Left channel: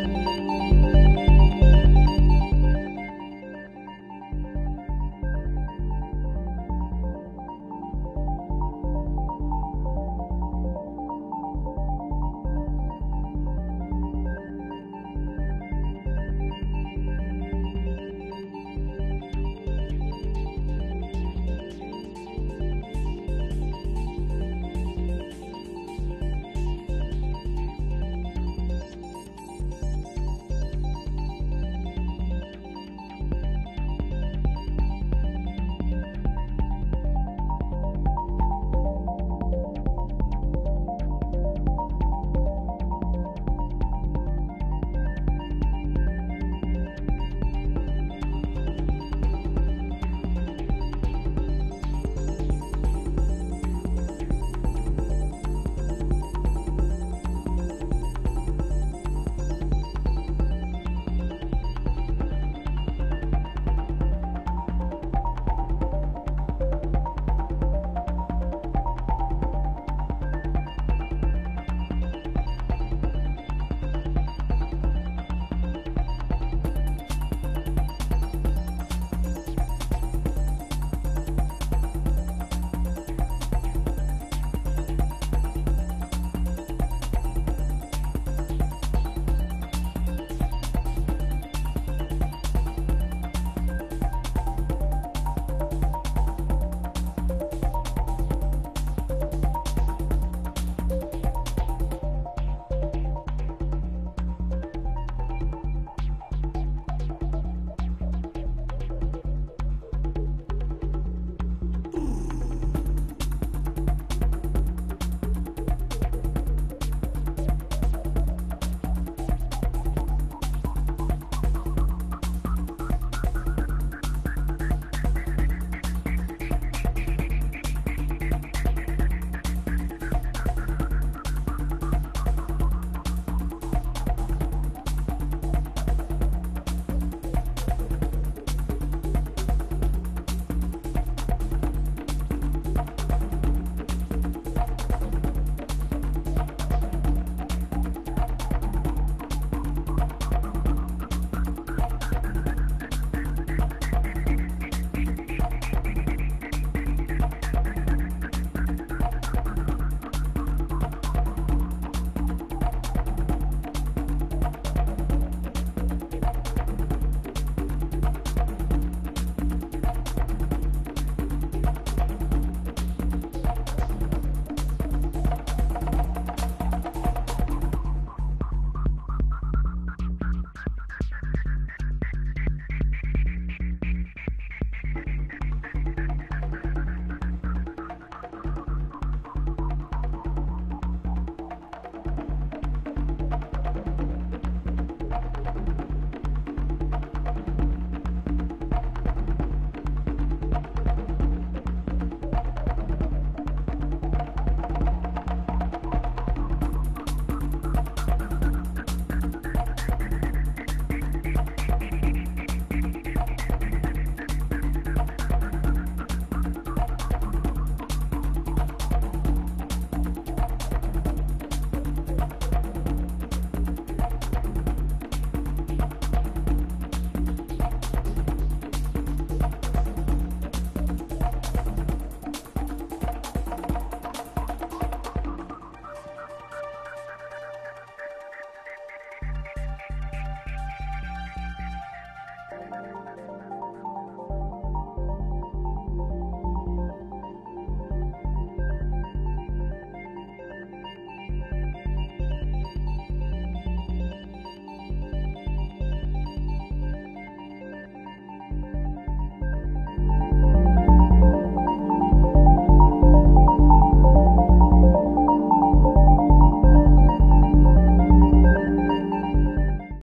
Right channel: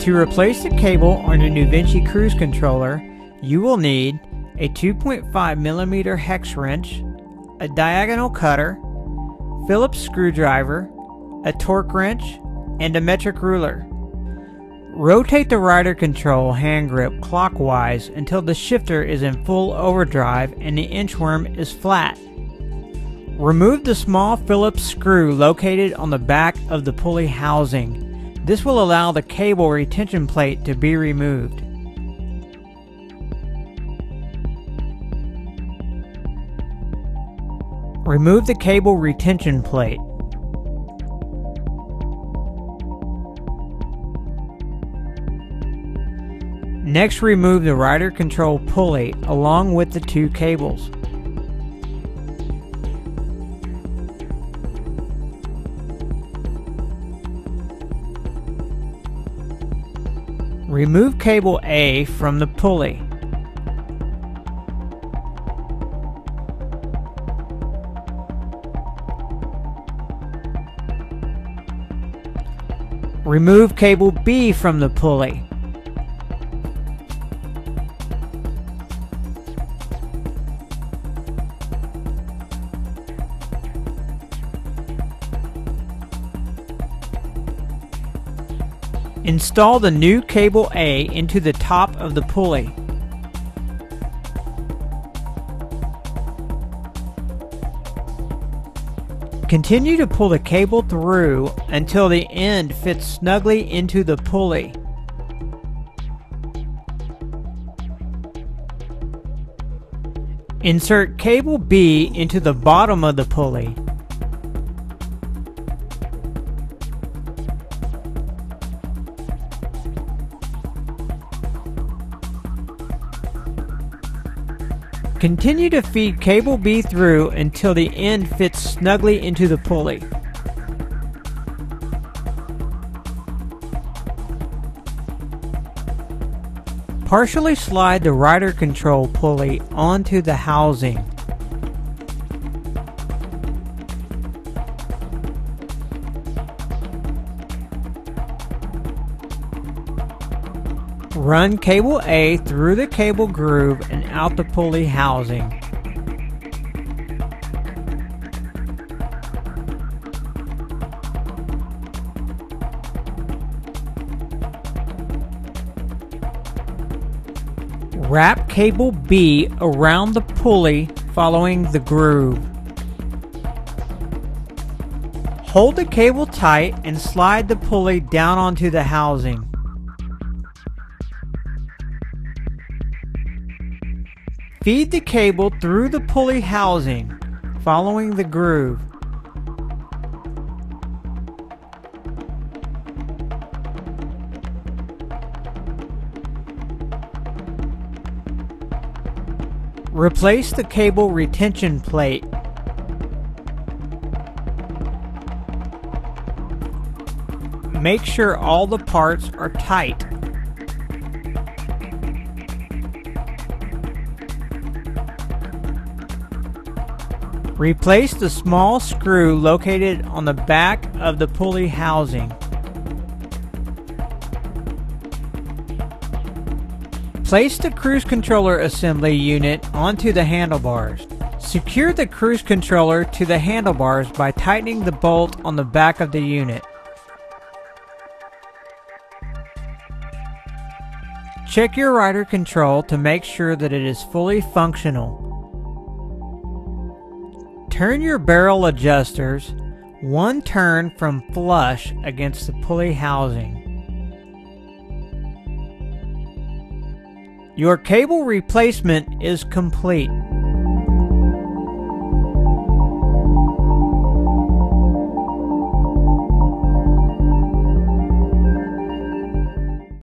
To replace the cable on your NuVinci cruise controller, you will need a 2.5mm hex wrench, a diagonal cutter, Phillips screwdriver, a torque wrench, and a metric ruler. Rotate the rider control hand grip clockwise until the shifter is in full overdrive and the inchworm is flat. Remove the small Phillips screw located on the back of the pulley housing. This will allow the cable retention plate to be removed. Remove the cable retention plate. Next, remove the rider control pulley along with the two cables. Remove cable A from the pulley. Remove cable B from the pulley. Install the new cable A into the top of the pulley. Continue to pull the cable through until the end fits snugly into the pulley. Insert cable B into the bottom of the pulley. Continue to feed cable B through until the end fits snugly into the pulley. Partially slide the rider control pulley onto the housing. Run cable A through the cable groove and out the pulley housing. Wrap cable B around the pulley following the groove. Hold the cable tight and slide the pulley down onto the housing. Feed the cable through the pulley housing, following the groove. Replace the cable retention plate. Make sure all the parts are tight. Replace the small screw located on the back of the pulley housing. Place the cruise controller assembly unit onto the handlebars. Secure the cruise controller to the handlebars by tightening the bolt on the back of the unit. Check your rider control to make sure that it is fully functional. Turn your barrel adjusters one turn from flush against the pulley housing. Your cable replacement is complete.